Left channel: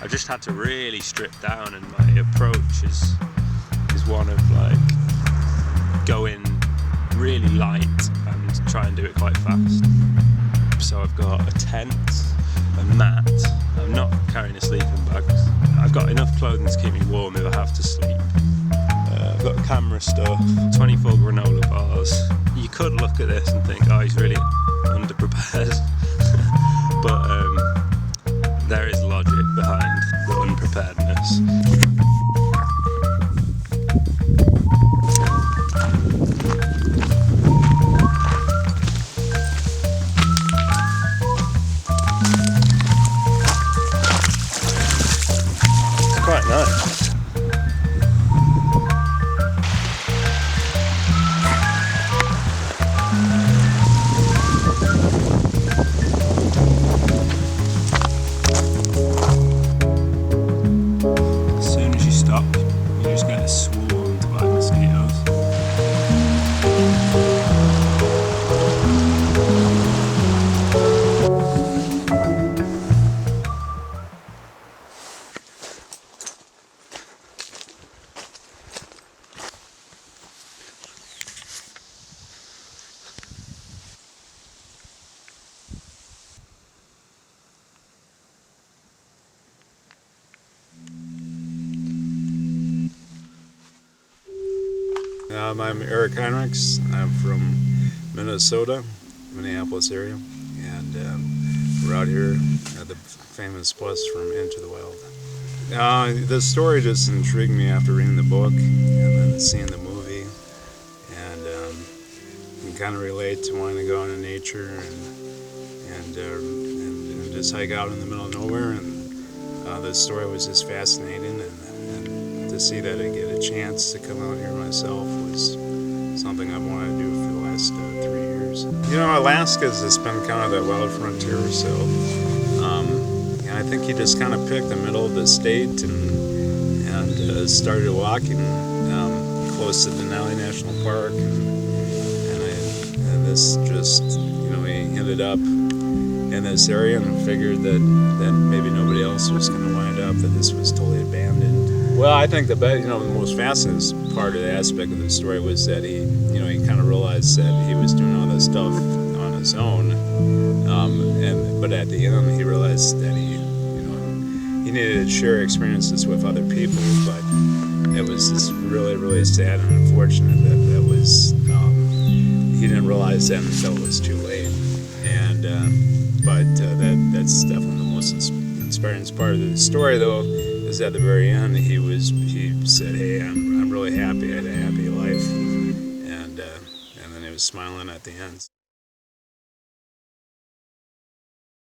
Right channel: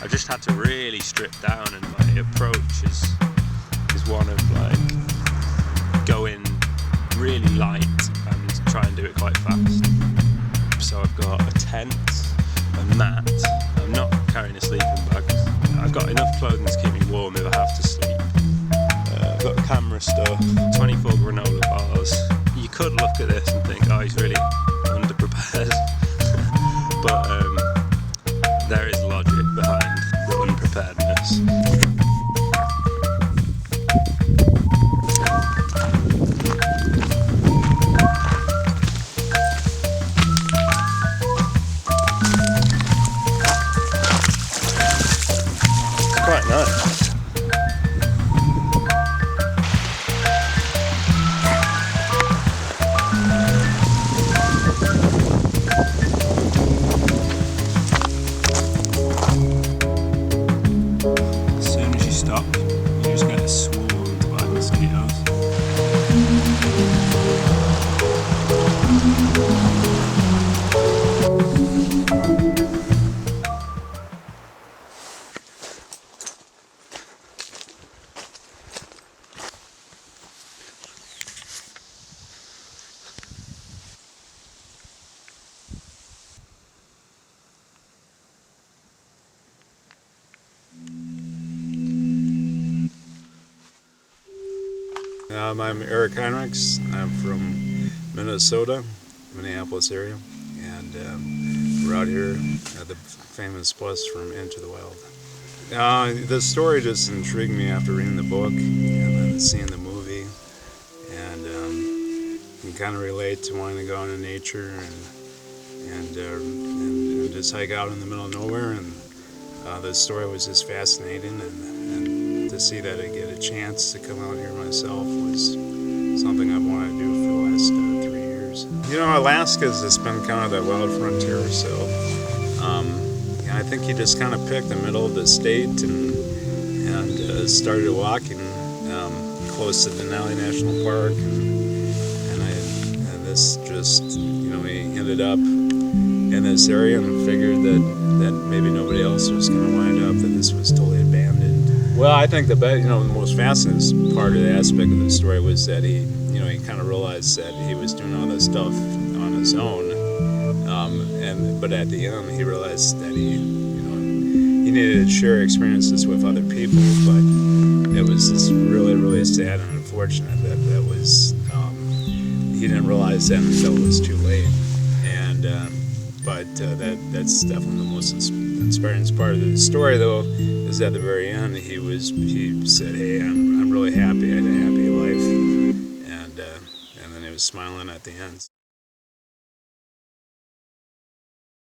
I just had to really strip down, and my approach is one of like going really light and try and do it quite fast. So I've got a tent, a mat. I'm not carrying a sleeping bag. I've got enough clothing to keep me warm if I have to sleep. I've got camera stuff, 24 granola bars. You could look at this and think, oh, he's really underprepared. But there is logic behind the unpreparedness. It's quite nice. You just get swarmed by mosquitoes. I'm Eric Heinrichs. I'm from Minnesota, Minneapolis area, and we're out here at the famous place from Into the Wild. The story just intrigued me after reading the book and then seeing the movie, and you can kind of relate to wanting to go into nature and just hike out in the middle of nowhere. And the story was just fascinating, and to see that I get a chance to come out here myself was something I've wanted to do for the last 3 years. You know, Alaska's just been kind of that wild frontier, so I think he just kind of picked the middle of the state and started walking close to Denali National Park, and this just, you know, he ended up in this area and figured that maybe nobody else was going to wind up, that this was totally abandoned. Well, I think the most fascinating part of the aspect of the story was that he kind of realized that he was doing all this stuff on his own, but at the end he realized that he needed to share experiences with other people. But it was just really, really sad and unfortunate that was he didn't realize that until it was too late. And that's definitely the most inspiring part of the story, though. Is at the very end, he said, "Hey, I'm really happy. I had a happy life," and then he was smiling at the end.